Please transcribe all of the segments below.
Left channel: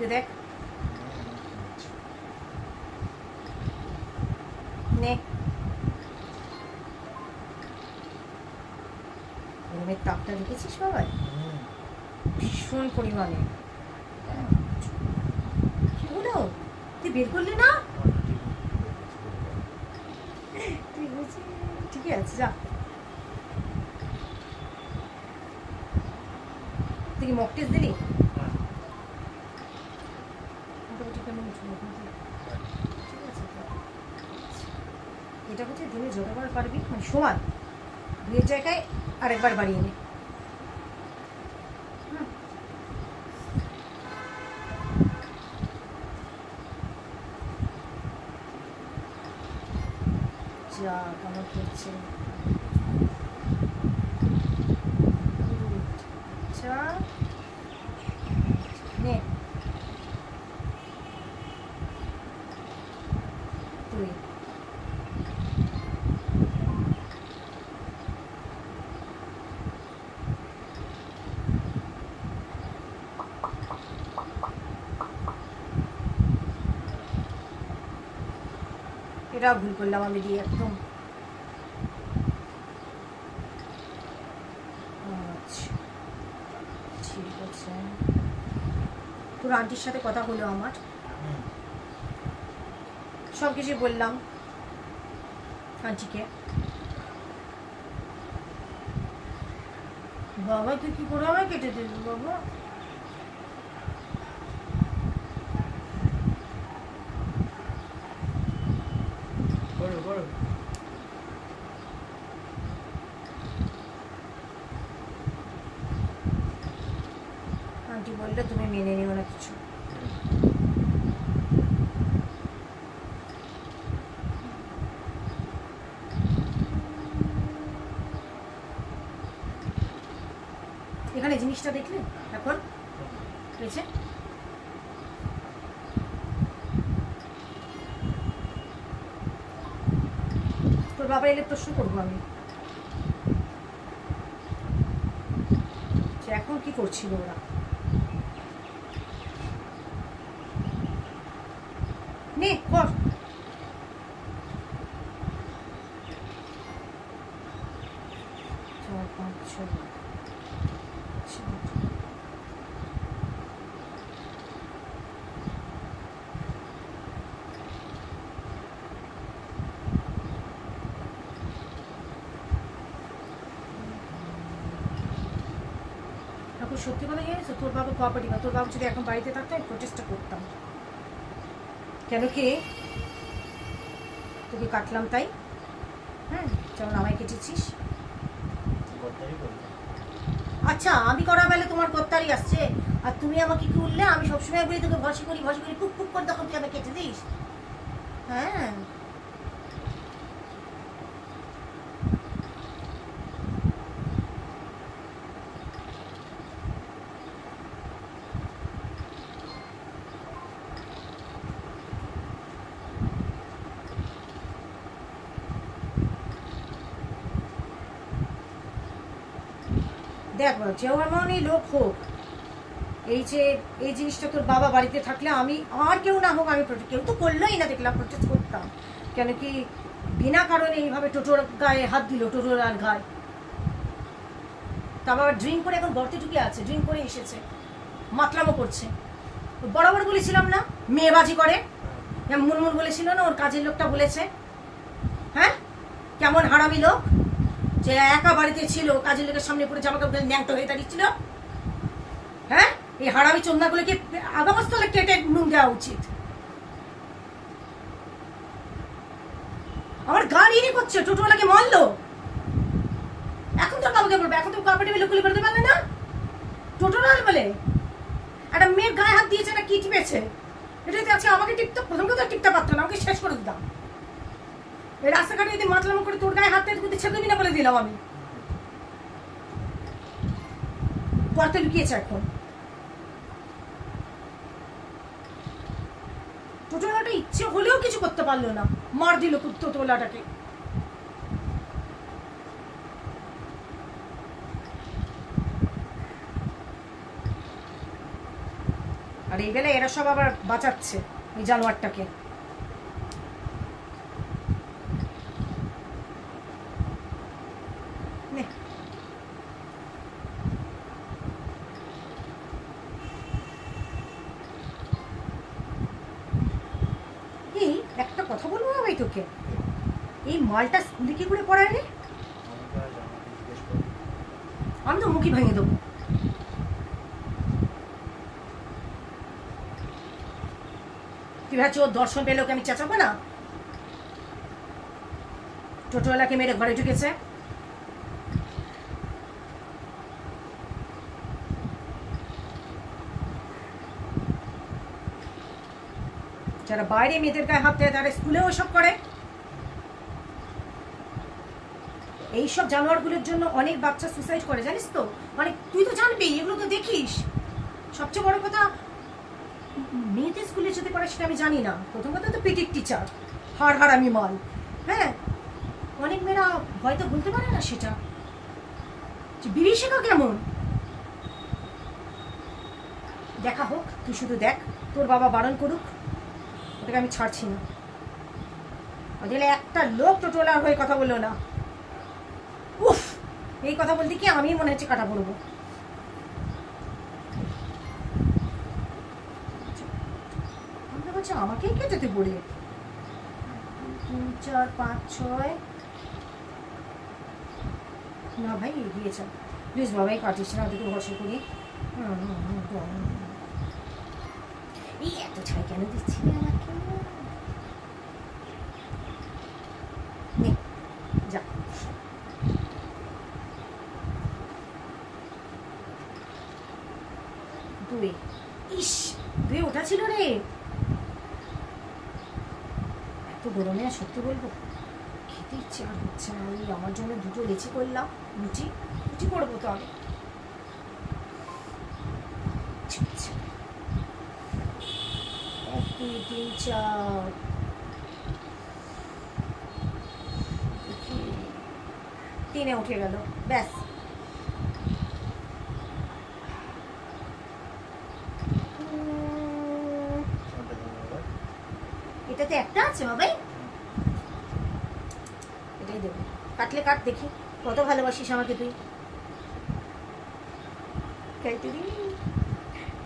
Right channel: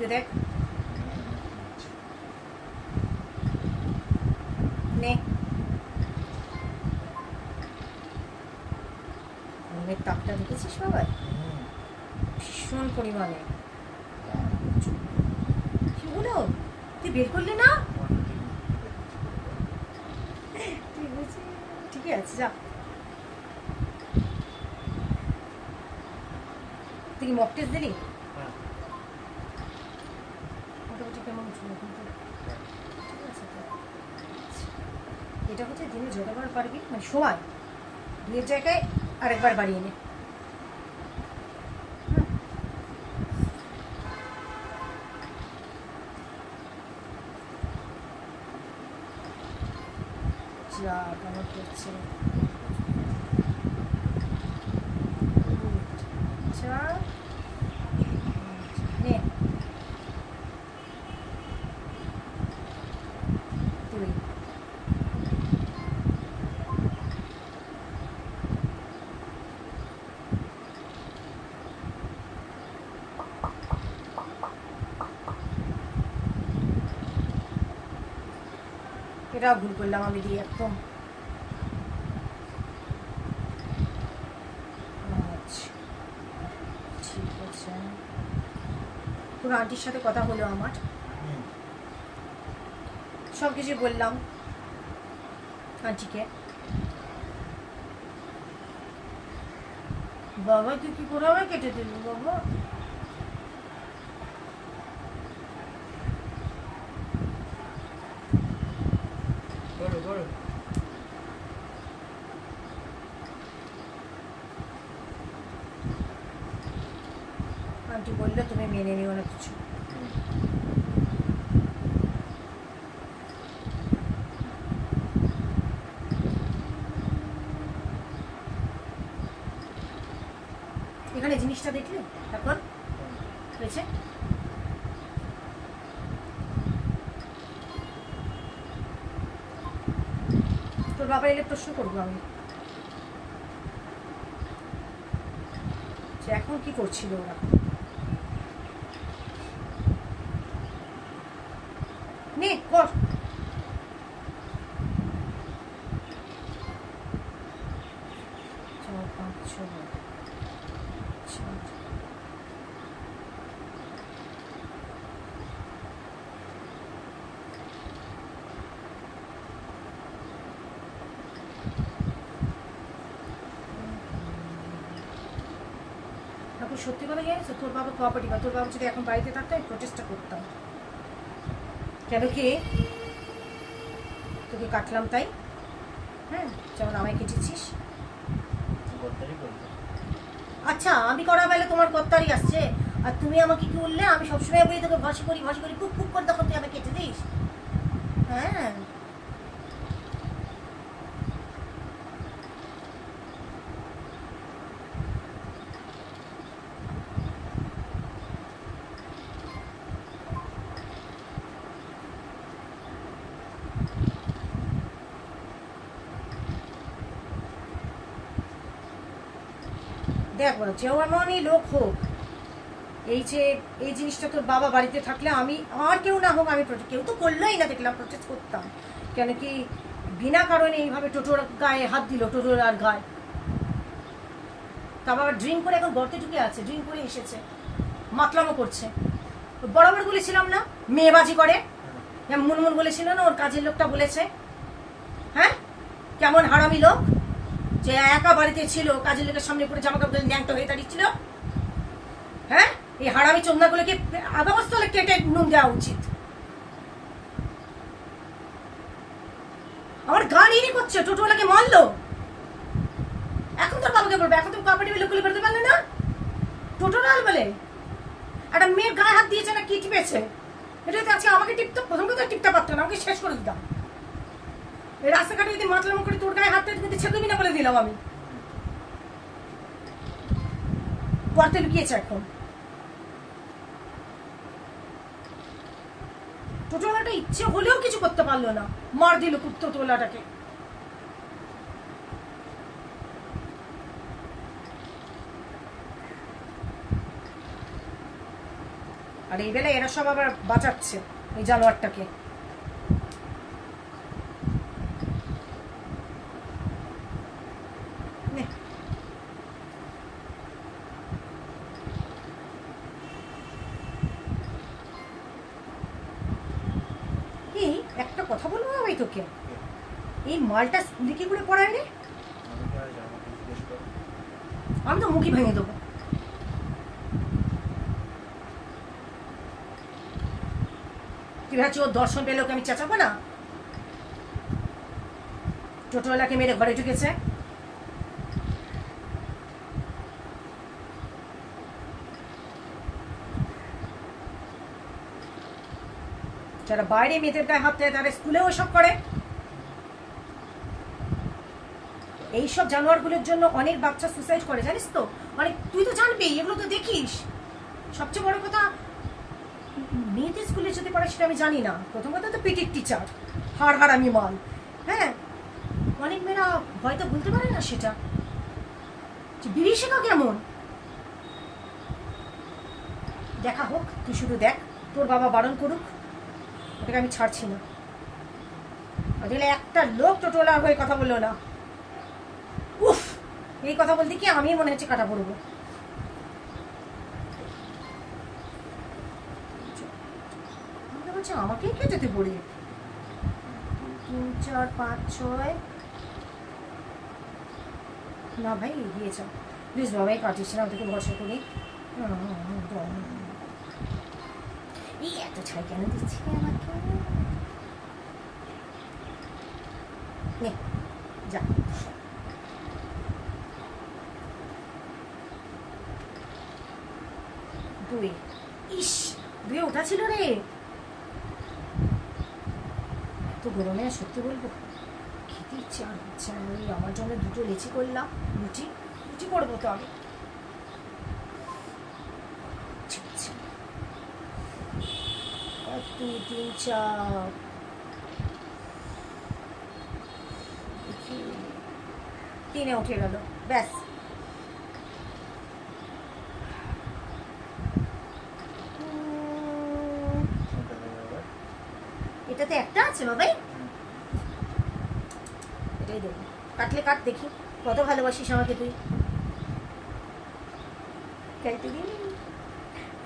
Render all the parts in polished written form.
তুই দেখ নে রুমের তাপটা দেখেছিস বাবা ভীষণ পরিমাণে কি হলো তুই বের করলি না ঠিকই আছে যা তুই কি মক টেস্ট দিলি মোটামুটি কেমন উঠলো কিন্তু ঠিক আছে এটা হচ্ছে দিনে যতবার পারবি মানে সময় দুয়ের জায়গায় আরেকবার বাড়িয়ে নে যা আমার করছে আচ্ছা নে তুই এটা ভুল করলাম আমি দিয়ে একদম ঠিক আছে তোর আন্টির সাথে কথা হলো আমার সব কিছু বললাম আন্টিকে বাবা তুই কি করে হবে কেটে দিলি বাবা আন্টি বললে তুমি মেনে নিও না কিছু এখানে জিনিসটা দেখলে এখন হয়েছে তোর বাবা এলে প্রশ্ন করবো আমি এখন কি করছিল ওরা নে কর চার পাঁচ ছয় এখন সত্যি কথা জানিস তোর বাবা কোঅপারেটিভ বা তোর বাবা যদি এখন বাড়িতে থাকতো আমি প্রচেষ্টা করতাম কেন কি তোকে কাটলাম তাই হ্যাঁ যেমন আমায় কেটেছিস আচ্ছা আমি করা বেলে তোমার কর্তারি আসছে আর তুমি আমাকে কি বললে আমি সবসময় বলি তোকে ভাসি করি খুব খুব করে তখন তুই আমাকে কেটে দিস হ্যাঁ দেখ যেমনই লোক হোক এই যে এই জিনিসটা তোর বাবা বাড়িতে থাকলে আমি আর কেউ না হোক আমি কেউ তো করলোই না দেখলাম প্রোটেস্ট করতাম কেন কি বিনা কারণে এইভাবে টোটোর গায়ে হাত দিল টোটোর আর গায়ে তা বাবা ড্রিঙ্ক করে এখন গর্তে ঢুকে আছে ড্রিঙ্ক করে এসেছে মাতলামো করছে বরাবর বলেছিলাম না মেয়েবাজি করে মুনমুন বলেছিল না ওর কাজের লোকটা বলেছে হ্যাঁ কেমন হারামি লোক যে একা বাড়িতে ছিল কাজের লোকের সামনে পড়ে জামা কাপড় ন্যাংটা হয়ে দাঁড়িয়েছিল হ্যাঁ এই হারামি চন্দাগুলোকে আগামস্থলে কেটে নুন দেওয়া উচিত আমার গাড়ি করছে টোটোওয়ালাকে মারলো এখন তো বাবাকে বলবে এখন তো কোঅপারেটিভ লোকগুলো করতে পারলে না টোটোওয়ালা বলে একটা মেয়ের গায়ে হাত দিয়েছে না কি টিপেছে এটাই তো আজকে আমাকে টিপতে প্রথম কথা টিপতে পারতো না আমাকে শেষ করে দিতাম এই রাস্তাঘাটে যদি মাতলাম করে তোর গায়ে হাত দিতে ছেড়ে দিবি না বলে দিলাম আমি গর্তে লুকিয়েছে এখন টোটোওয়ালাটা ইচ্ছে হলেও কিছু করতে পারলো না মার দিল টোটোওয়ালাটাকে আর এই বেলায় এরা সব আবার বাঁচাচ্ছে এই জানোয়ারটাকে। নে। এই একটা কথা বলবো না ভাই তোকে, এই মালটা স্কুলে কি করে পড়ায় রে? আমি তো মুখই ভেঙে দেবো। তুই ভাবছি ওর দর্শন পেলে ওকে আমি চেঁচাবো না? টোটোওয়ালাকে মেরে ঘরে ঢুকেছে। যারা বাইরে মেয়েদের গায়ে হাত দেয় তারা স্কুলেও ওসব করে। এইসব জানোয়ারগুলোর জন্য অনেক বাচ্চা সুসাইড করে, জানিস তো? অনেক, তুই তো জানবি, এগুলো তো দেখিস। সবচেয়ে বড় কথা, মেয়েদের স্কুলে যেতে পারে সেটা আমি জানি না। প্রথম কথা তো পিটির টিচার, হাড় আমি মাল। হ্যাঁ, অনেক মেয়েরা হয়তো বলতে পারে না সেটা, যে বিড়ি শেখা কেমন। দেখা হোক, তুই শুধু দেখ, তোর বাবা বারণ করুক, ওটাকে আমি ছাড়ছি না। ওদের একটা লোক টোটোলা হয়ে কথা বললো না। উফ, এই কথা বলতে কি আমি মনে হচ্ছে কাটা পড়বো। আমাকেই কেটে পড়ে 3 4 5 6 না ভাই, এগিয়ে যা প্লিজ বাবাই, কাটিস না, ওদেরকে ভরসা করি। এই এত ছাই কেন দিচ্ছি আমাকে? নে যা। দুয়ে, ইস দুয়ে ওঠা ছিল রে। এত গরমে আর সত্যি বলবো খেতে ইচ্ছে আর হচ্ছে না। আমি আমার জন্য 2টো লেচি করলাম, রুটি করবো তো আমি। 1 2 3 4 3-এ উঠে গেল, ব্যাস। এটাতে একটা আছে বাবাই, এটাই দেবো। কাটলে কাট, দেখি কত ভালোবাসিস আমাকে তুই।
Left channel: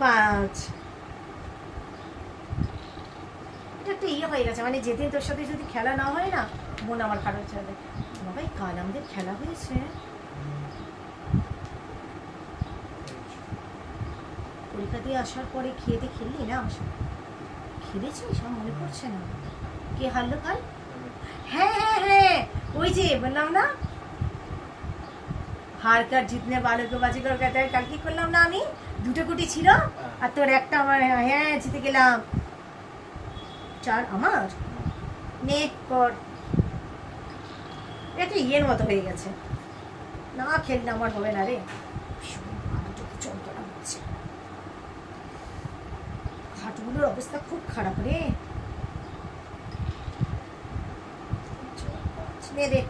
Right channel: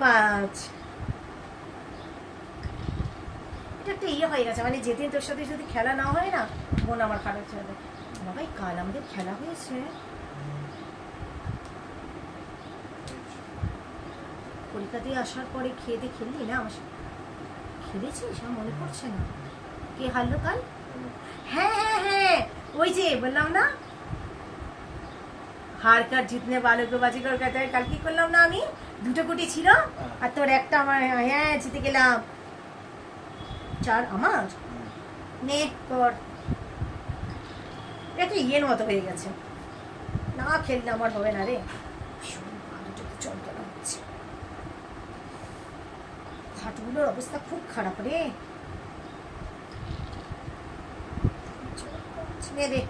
5। এটা একটা ইয়ে হয়ে গেছে, মানে যেদিন তোর সাথে যদি খেলা না হয় না, মন আমার খারাপ চলে। বাবাই কাল আমাদের খেলা হয়েছে, পরীক্ষা দিয়ে আসার পরে খেয়েতে খেললি না আমার সাথে? খেলেছিস? আমার মনে পড়ছে না। কে হারলো কাল? হ্যাঁ, ওই যে বললাম না, হার কার জিতনে বালকে বাজিকর কথায়। কাল কি করলাম না আমি? 2টো গুটি ছিল আর তোর একটা আমার। হ্যাঁ, জিতে গেলাম। 4 আমার। নে কর। এটা ইয়ের মতো হয়ে গেছে, না খেললে আমার হবে না রে। যন্ত্রণা হচ্ছে, হাঁটুগুলোর অবস্থা খুব খারাপ রে। রে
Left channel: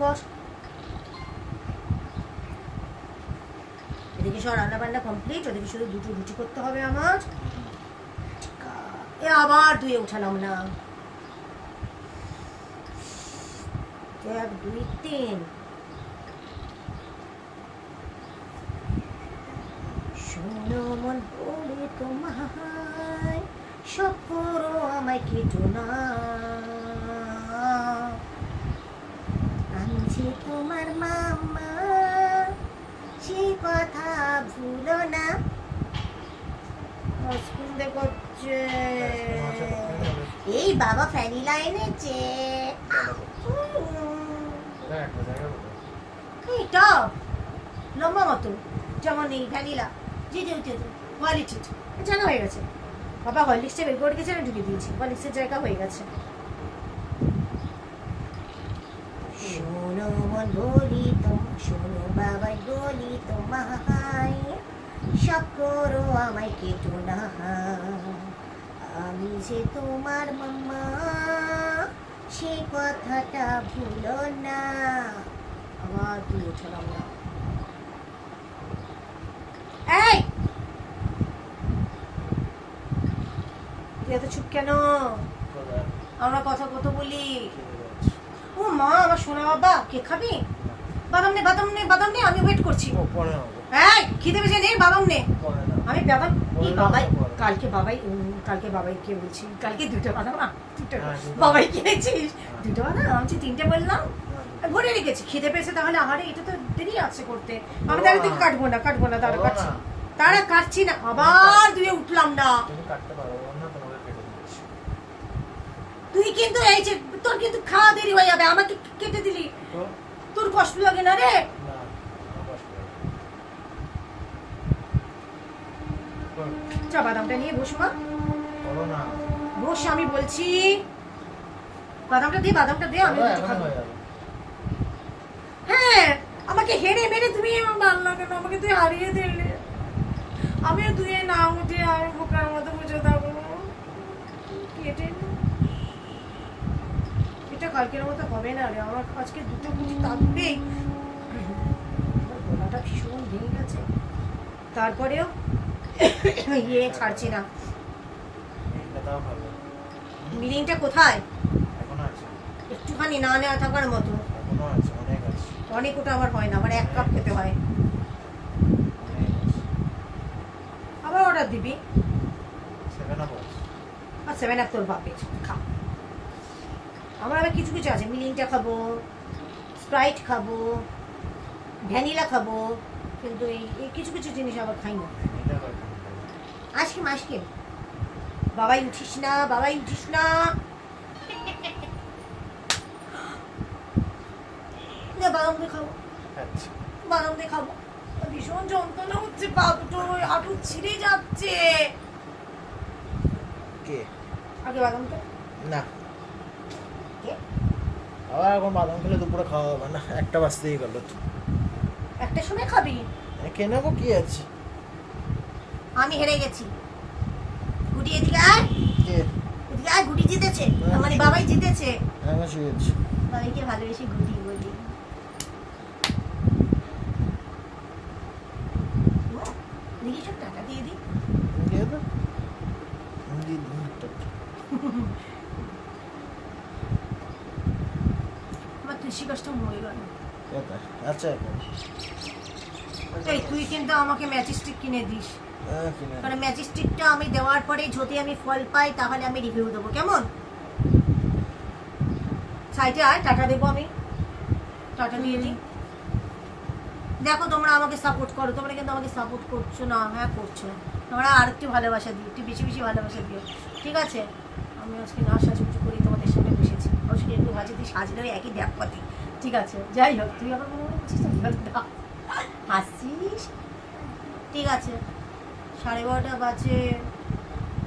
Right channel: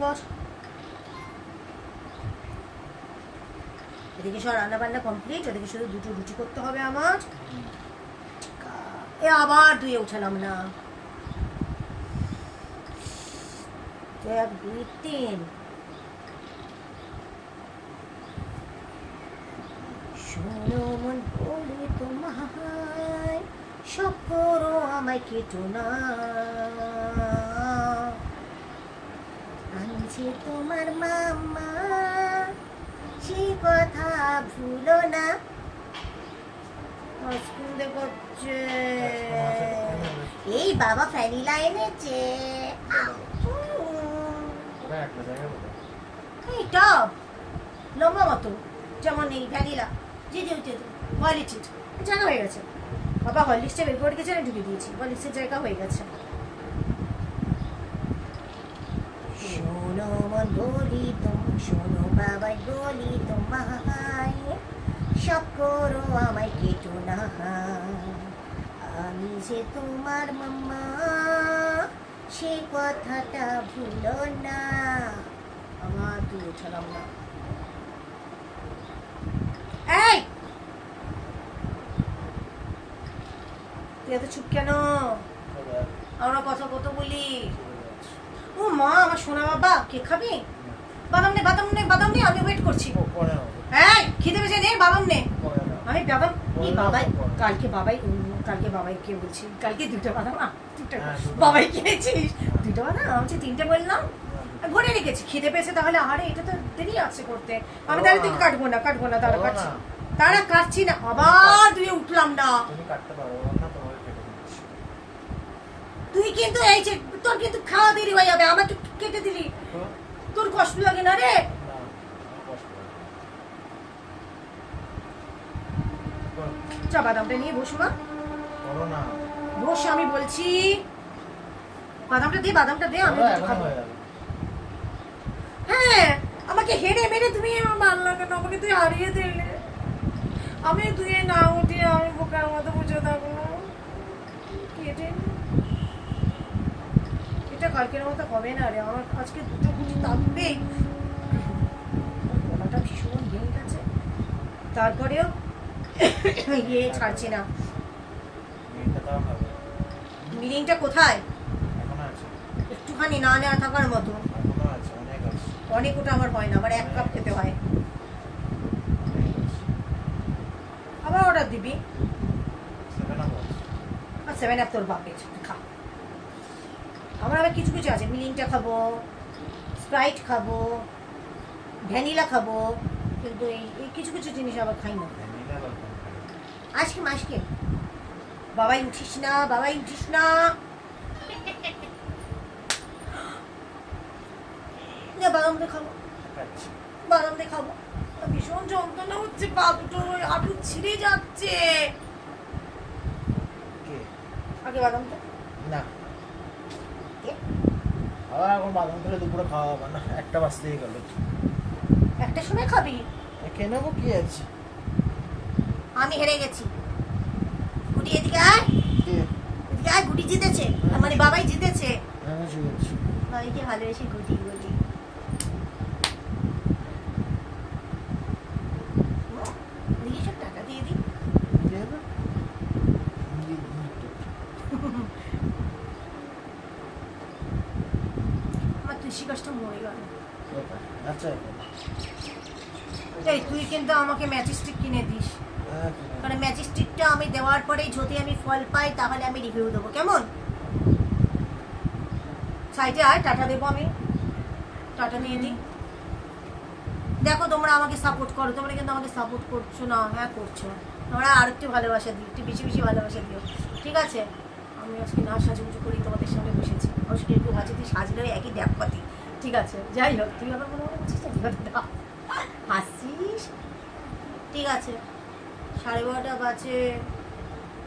কর। এদিকে সব রান্না বান্না কমপ্লিট, ওদিকে শুধু 2টো রুটি করতে হবে আমার। এ আবার 2-এ উঠালাম না। 1 2 3। শোনো মন বলি তোমায়, সব করো আমায় কেটো না। আমি যে তোমার মামা, সেই কথা ভুলো না। স্কুলে করছে এই বাবা ভ্যানিলা এনেছে। এইটা লম্বা মতো, যেমন এই ভ্যানিলা যে কোয়ালিটির জানা হয়ে গেছে। বাবা হরলিক্সটা বের করে গেছে, ঢুকে দিয়েছি, হরলিক্সের জায়গা হয়ে গেছে। শোনো মন বলি শোনো বাবাই বলি তোমায়, সব করো আমায় কেটো না। আমি যে তোমার মাম্মা, সে কথাটা ভুলো না। আমার 2 উঠালাম না। এই তুই এত চুপ কেন? আমরা কথা কত বলি। ও মা, আমার সোনা বাবা, কে খাবি? বাদাম নে, বাদাম নে, বাদাম নে, আমি ওয়েট করছি। হ্যাঁ, খিদে পেয়েছে, নে বাদাম নে। আমি বাদাম কি বাবাই কালকে বাবাই কে বলছি, কালকে দুটো বাদাম বাবাই কিনেছিস? দুটো বাদাম আমি 3টে বললাম, ভরে রেখেছি। খিদে পেয়েছে তাহলে, আরে এটা তো দেরি আছে করতে। আমি তাহলে তুই কাটবো না, তারা কাটছি, তারা কাটছি না। আবার ধুয়ে উঠলাম না। তুই কিন্তু এই যে তোর কিন্তু খাওয়া দেরি হয়ে যাবে, আমাকে কেটে দিলি, তোর কষ্ট লাগে না রে? চা বাদামটা নিয়ে বস মা, বস, আমি বলছি। বাদামটা দে, আমি খাবো। হ্যাঁ, আমাকে হেরে মেরে তুমি মারলো কেন? আমাকে তুই হারিয়ে দিলে, আমি তুই না উঠে আমি বোকার মতো বুঝে থাকবো। কেটে এটা কালকের মতো হবে না রে, আমার আজকে দুটো গুলি থাকবেই। গলাটা ভীষণ ভেঙে গেছে, তারপরেও ইয়ে ছাড়ছি না। মিলিংটা কোথায়? একটুখানি না নেওয়া থাকার মতো। অনেক, ওটা আমার হয় না, আমার 1 কাপ খেতে হয়। আবার অর্ডার দিবি? 7 আপ তোর বাপের, খা। আমার আবার কিছু কিছু আছে, মিলিংটা খাবো, স্প্রাইট খাবো, ভ্যানিলা খাবো, কিন্তু এই কিছু কিছু জিনিস আবার খাই না। আইসক্রিম বাবাই উঠিস না, বাদাম দিয়ে খাবো। ভীষণ যন্ত্রণা হচ্ছে, পা দুটো হাঁটু ছিঁড়ে যাচ্ছে। আগে বাদামটা না, এখন বাদাম খেলে দুপুরে খাওয়া হবে না, 1টা বাজতেই গেল। 1টার সময় খাবি? কে নেবো, কি আছে? আমি হেরে গেছি। গুটি এদিকে আয়, গুটি জিতেছে, মানে বাবাই জিতেছে। বাবাইকে ভালোবেসে গুটি বলি। টাকা দিয়ে দিই। আমার কৃষি কষ্ট মরে গেল। আচ্ছা, এই তুই কিন্তু আমাকে ম্যাজিস্টিক কিনে দিস, কারণ ম্যাজিস্টিকটা আমি দেওয়ার পরে যদি আমি ফল পাই তাহলে আমি রিভিউ দেবো, কেমন? সাইডে আয়, টাটা দেবো আমি, টাটা দিয়ে দিই। দেখো তোমরা আমাকে সাপোর্ট করো, তোমরা কিন্তু আমাকে সাপোর্ট করছো না। হ্যাঁ করছো, তোমরা আর একটু ভালোবাসা দিও, একটু বেশি বেশি ভালোবাসা দিও, ঠিক আছে? আমি আজকে না সাজুগুজু করি তোমাদের সামনে বসেছি, অবশ্যই একটু ভাজি তুই সাজলেও একই ব্যাপাতি, ঠিক আছে? যাই হোক, তুই আবার মনে মনে বলছিস না, হাসিস, ঠিক আছে? 12:30 বাজে,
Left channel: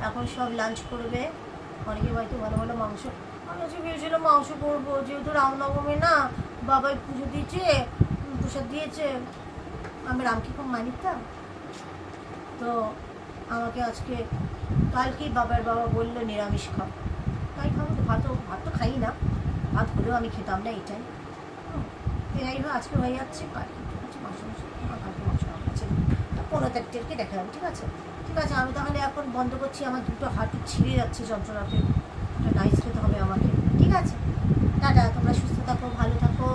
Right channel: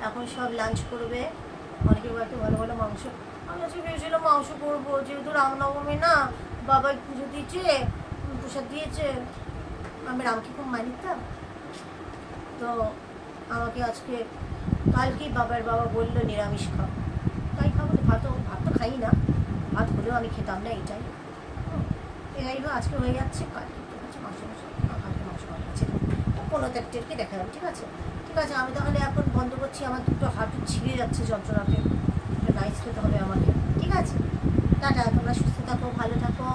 এখন সব লাঞ্চ করবে, অনেকের বাড়িতে ভালো ভালো মাংস। আমি আজকে ভেবেছিলাম মাংস করবো, যেহেতু রামনবমী না, বাবাই পুজো দিয়েছে, প্রসাদ দিয়েছে, আমি রামকে খুব মানিতাম, তো আমাকে আজকে কালকেই বাবার বাবা বললো নিরামিষ খাও, তাই খাবো। ভাত তো খাই না, ভাত হলেও আমি খেতাম না, এটাই। যাই হোক, আজকে হয়ে যাচ্ছে, কালকে ঠিক আছে মাংস কালকে মাংস আছে, 15 তারিখকে দেখা যাবে, ঠিক আছে? ঠিক আছে, আমি তাহলে এখন বন্ধ করছি, আমার দুটো হাঁটু ছিঁড়ে যাচ্ছে যন্ত্রণাতে, নাইস খেতে হবে আমাকে, ঠিক আছে? টাটা, তোমরা সুস্থ থাকো, ভালো থাকো,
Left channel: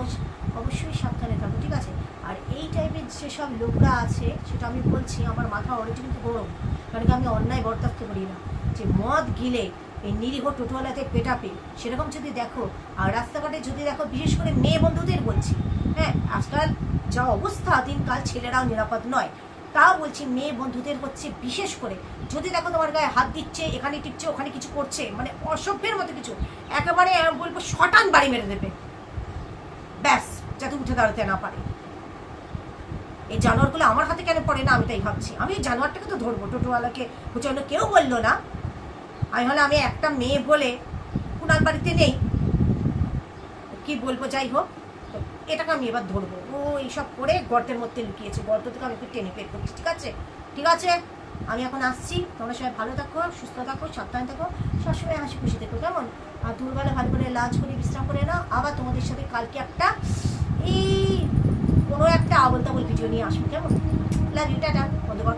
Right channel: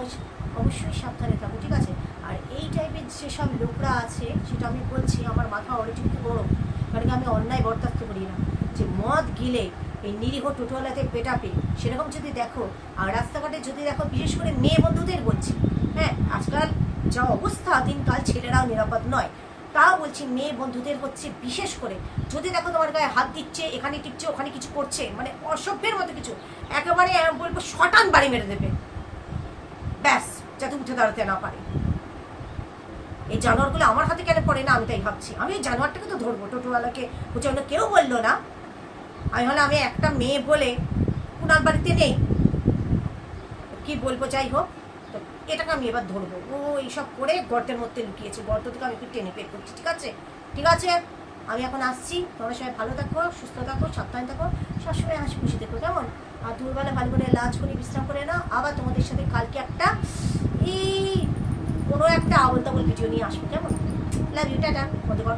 অবশ্যই সাবধানে থাকো, ঠিক আছে? আর এই টাইপের যেসব লোকরা আছে, সেটা আমি বলছি, আমার মাথা অলরেডি গরম, কারণ আমি অন্যায় বরদাস্ত করি না। যে মদ গিলে এই নিরীহ টোটোওয়ালাতে পেটাপি, সেরকম যদি দেখো, আর রাস্তাঘাটে যদি দেখো, বিশেষ করে মেয়ে বন্ধুদের বলছি, হ্যাঁ, আজকাল যা অবস্থা, দিনকাল ছেলেরাও নিরাপদ নয়, তাও বলছি মেয়ে বন্ধুদের হচ্ছে বিশেষ করে, যদি দেখো তোমার গায়ে হাত দিচ্ছে, এখানে টিপছে, ওখানে কিছু করছে, মানে অসভ্যের মতো কিছু, একেবারে বলবো শটান বাড়ি মেরে দেবে, ব্যাস, যাতে উঠে দাঁড়াতে না পারে। এই জানোয়ারগুলো আমার হাতে কেন পড়ে না, আমি তাই ভাবছি। আমি এই জানোয়ারটাকে তো ধরবো, টোটোওয়ালাকে হচ্ছে, অন্য কেউ বললো না, আমি হলে আমি একটা মেয়ে বলে কুনাল বাড়িতে নেই, কি বলবো? যাই হোক, এটাকে আমি এবার ধরবো। ও এইসব করে গর্তের মধ্যে লুকিয়েছে, গর্ত থেকে আমি একটু টেনে বের করছি, ঠিক আছে? ঠিক আছে, আমি এখন আসছি, তোমরা সবাই ভালো থাকো, সুস্থ থাকো, সাবধানে থাকো, সবসময় হাসি খুশি থাকো, কেমন? আর দুপুরবেলা ভালো করে লাঞ্চ করে বিশ্রাম করে না, আবার তোমাদের সাথে কালকে একটা কোনো একটা আবল তাবল ভিডিও নিয়ে আসবো, কেমন? লাভ ইউ টাটা বন্ধ কর